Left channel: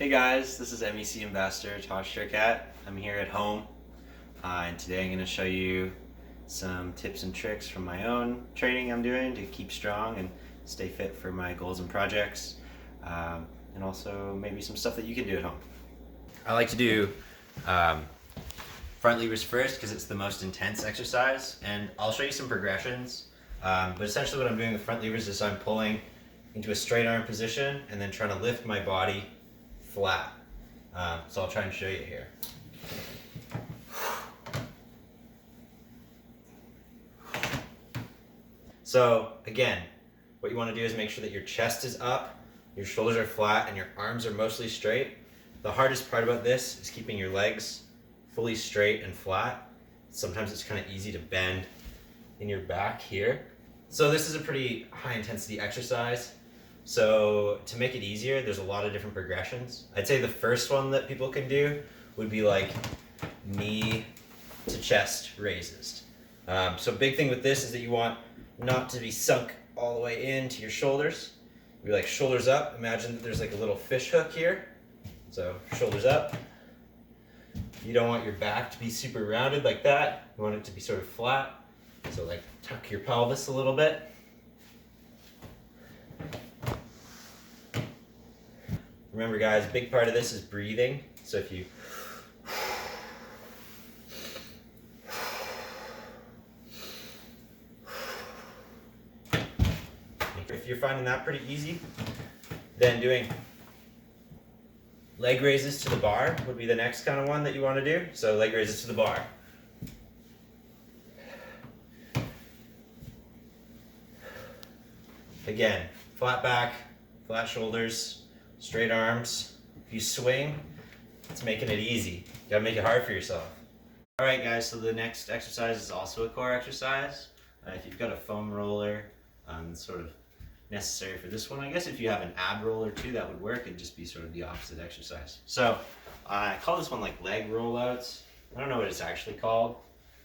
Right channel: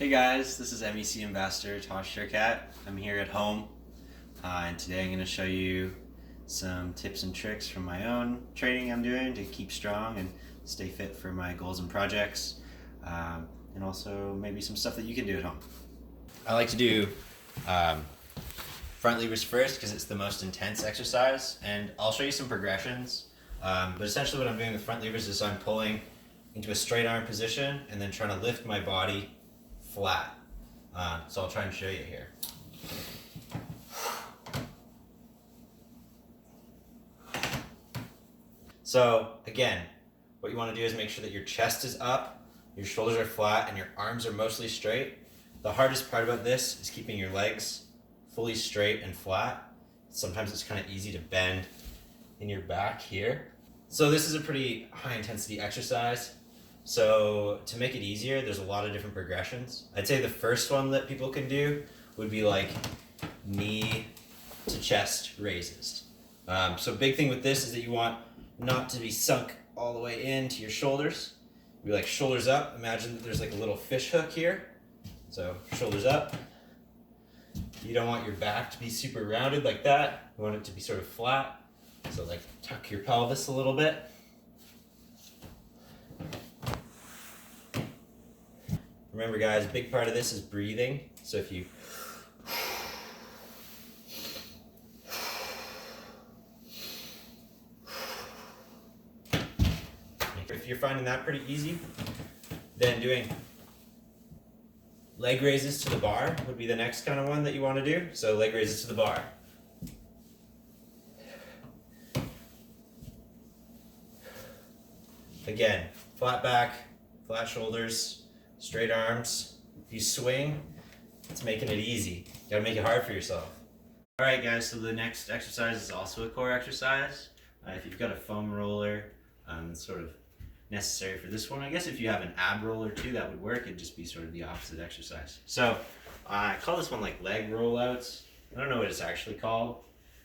Hey guys, this is MEC Ambassador Tosh Sherkat. I'm here at home and today I'm going to show you some tips and tricks from my own training I'm doing to keep strong and stay fit for my goals and projects, and also maybe some stuff that you can do at home. I like to do front levers first because it's the most intense exercise, and I'll show you some progressions, but essentially what I'm doing with front levers is I'm pulling into a straight arm position and then trying to lift my body flat. So I'll try and show you here. So again, what you want to do is make sure that your chest is up, your shoulders are flat, and your arms are mostly straight. The hardest part about this is keeping your legs fully straight and flat. Sometimes it's kind of easy to bend in your back here. So this is a pretty high intensity exercise. So to make it easier, there's a lot of different progressions. I'd say the first one that people can do would be like knee to chest raises. So big thing with this is that you want not to be sunk all the way into your shoulders. Be like shoulders up. Imagine that there's like a little fish hook here. So shoulders up. You don't want your back to be super rounded like that. You want it to be sort of flat. So like tuck your pelvis a little bit. Remember guys, a big part of this is breathing. So if you're finding that pretty easy, then doing leg raises to the bar would be the next kind of one that you want to do. So leg raises to the bar. Again, flat back, flat shoulders, straight arms. If you swing, it's making it easy. You gotta make it hard for yourself. All right guys, so the next exercise is also a core exercise. If you've got a foam roller, it's sort of necessary for this one. I guess if you have an ab roller too, that would work. It'd just be sort of the opposite exercise. So I call this one like leg rollouts. I don't know what it's actually called.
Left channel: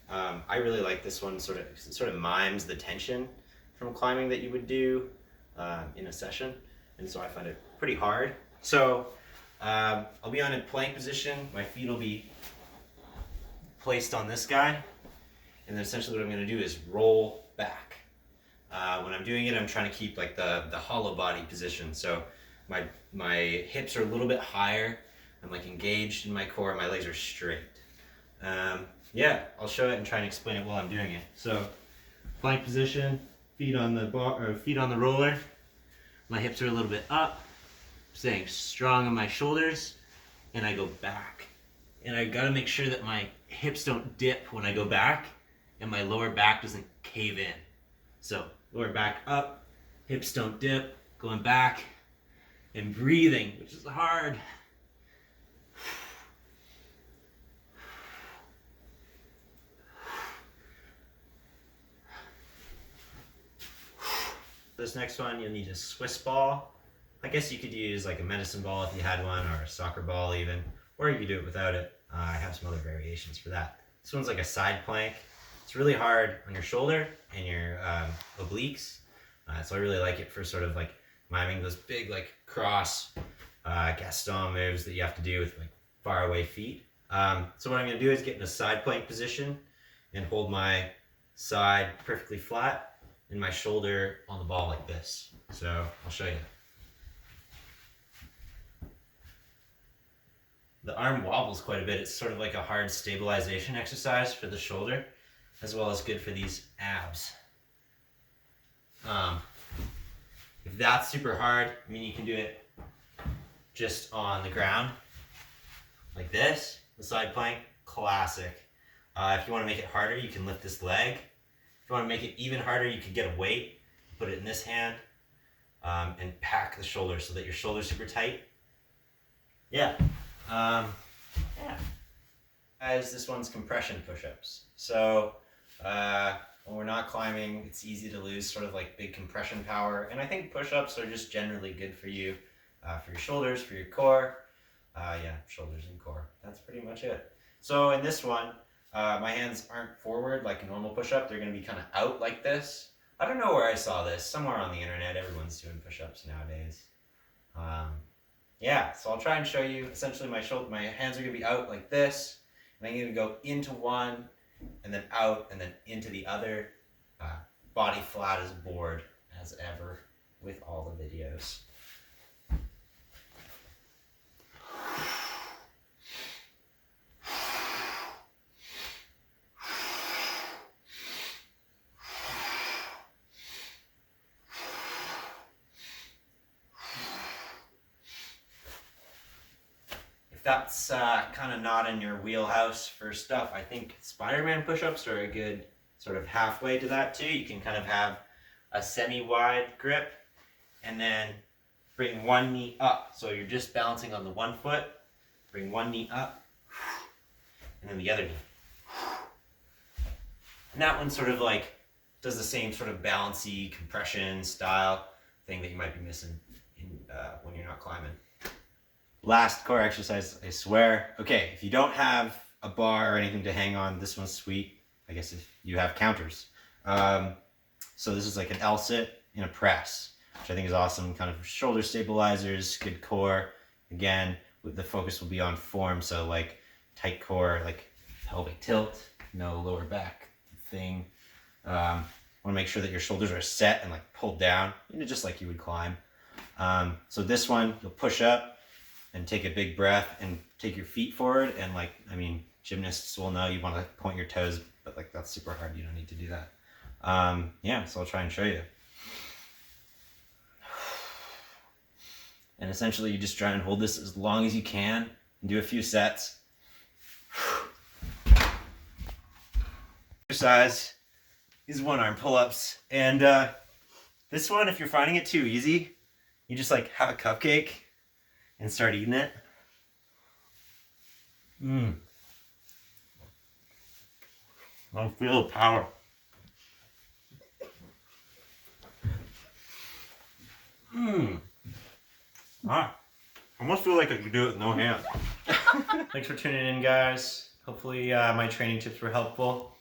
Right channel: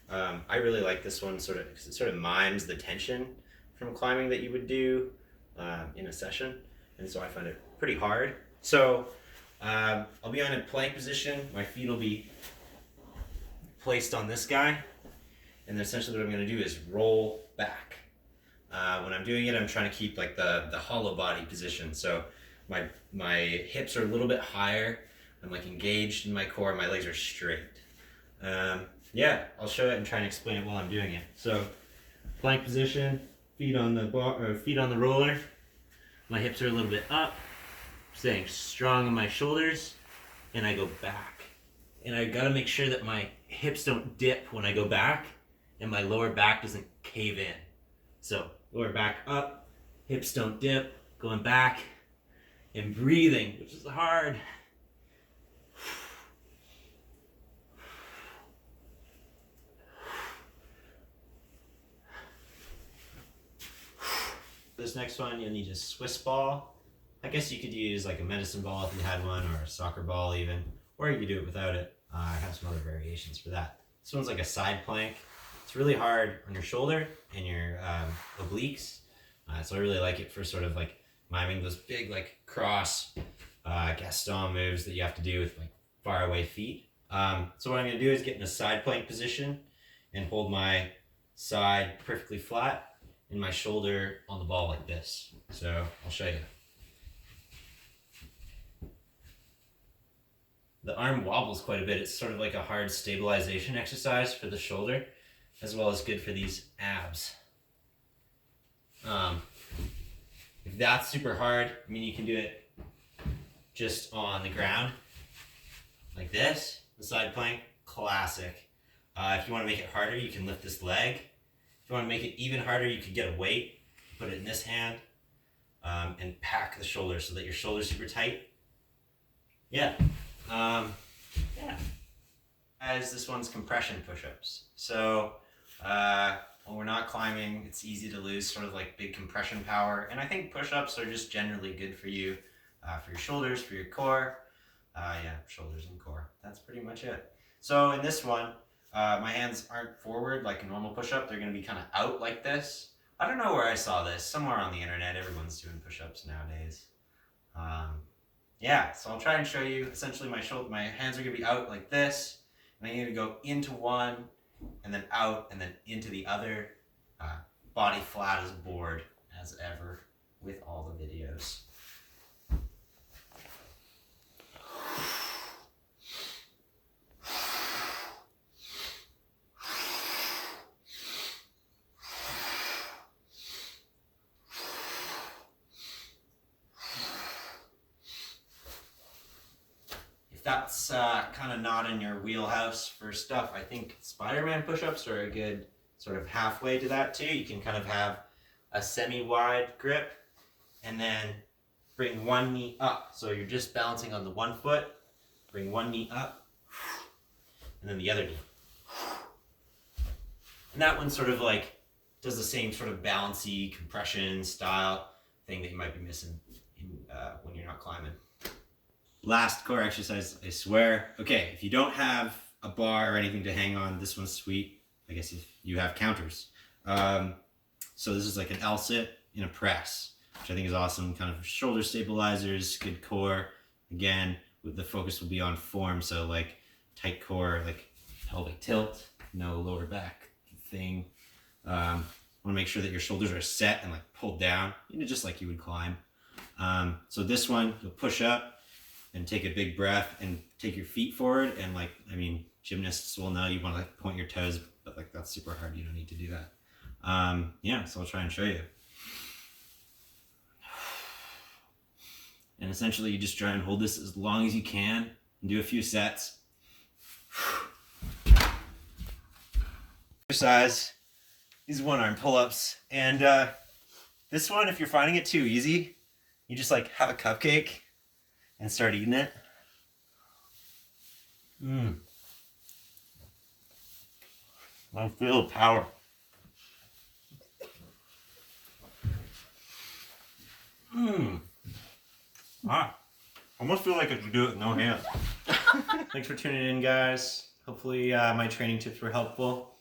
I really like this one because it sort of mimes the tension from climbing that you would do in a session. And so I find it pretty hard. So I'll be on a plank position. My feet will be placed on this guy. And then essentially what I'm going to do is roll back. When I'm doing it, I'm trying to keep like the hollow body position. So my hips are a little bit higher. I'm like engaged in my core. My legs are straight. Yeah, I'll show it and try and explain it while I'm doing it. So plank position, feet on the bar, or feet on the roller. My hips are a little bit up, staying strong on my shoulders, and I go back. And I gotta make sure that my hips don't dip when I go back, and my lower back doesn't cave in. So lower back up, hips don't dip, going back, and breathing, which is hard. This next one, you'll need a Swiss ball. I guess you could use like a medicine ball if you had one, or a soccer ball even, or you could do it without it. I have some other variations for that. This one's like a side plank. It's really hard on your shoulder and your obliques. So I really like it for sort of like miming those big like cross Gaston moves that you have to do with like far away feet. So what I'm gonna do is get in a side plank position and hold my side perfectly flat and my shoulder on the ball like this. So I'll show you. The arm wobbles quite a bit. It's sort of like a hard stabilization exercise for the shoulder, as well as good for these abs. If that's super hard, I mean, you can do it just on the ground, like this, the side plank, classic. If you want to make it harder, you can lift this leg. If you want to make it even harder, you could get a weight, put it in this hand, and pack the shoulders so that your shoulder's super tight. Yeah. As this one's compression push-ups. So when we're not climbing, it's easy to lose sort of like big compression power. And I think push-ups are just generally good for you, for your shoulders, for your core. Shoulders and core. That's pretty much it. So in this one, my hands aren't forward like a normal push-up. They're going to be kind of out like this. I don't know where I saw this. Somewhere on the internet. Everyone's doing push-ups nowadays. yeah, so I'll try and show you. Essentially, my hands are gonna be out like this, and I'm gonna go into one, and then out, and then into the other. Body flat as a board, as ever, with all the videos. That's kind of not in your wheelhouse for stuff. I think Spider-Man push-ups are a good sort of halfway to that too. You can kind of have a semi-wide grip and then bring one knee up. So you're just balancing on the one foot, bring one knee up, and then the other knee. And that one sort of like does the same sort of balancy compression style thing that you might be missing when you're not climbing. Last core exercise, I swear. Okay, if you don't have a bar or anything to hang on, this one's sweet. I guess if you have counters. So this is like an L sit in a press, which I think is awesome. Kind of shoulder stabilizers, good core. Again, the focus will be on form, so like tight core, like pelvic tilt, no lower back thing. Want to make sure that your shoulders are set and like pulled down, just like you would climb. So this one, you'll push up and take a big breath and take your feet forward. And like, I mean, gymnasts will know you want to like point your toes, but like that's super hard. You don't need to do that. Yeah, so I'll try and show you. And essentially you just try and hold this as long as you can and do a few sets. Exercise is one arm pull-ups. And this one, if you're finding it too easy, you just like have a cupcake and start eating it. I feel the power. I almost feel like I could do it with no hands. Thanks for tuning in, guys. Hopefully my training tips were helpful.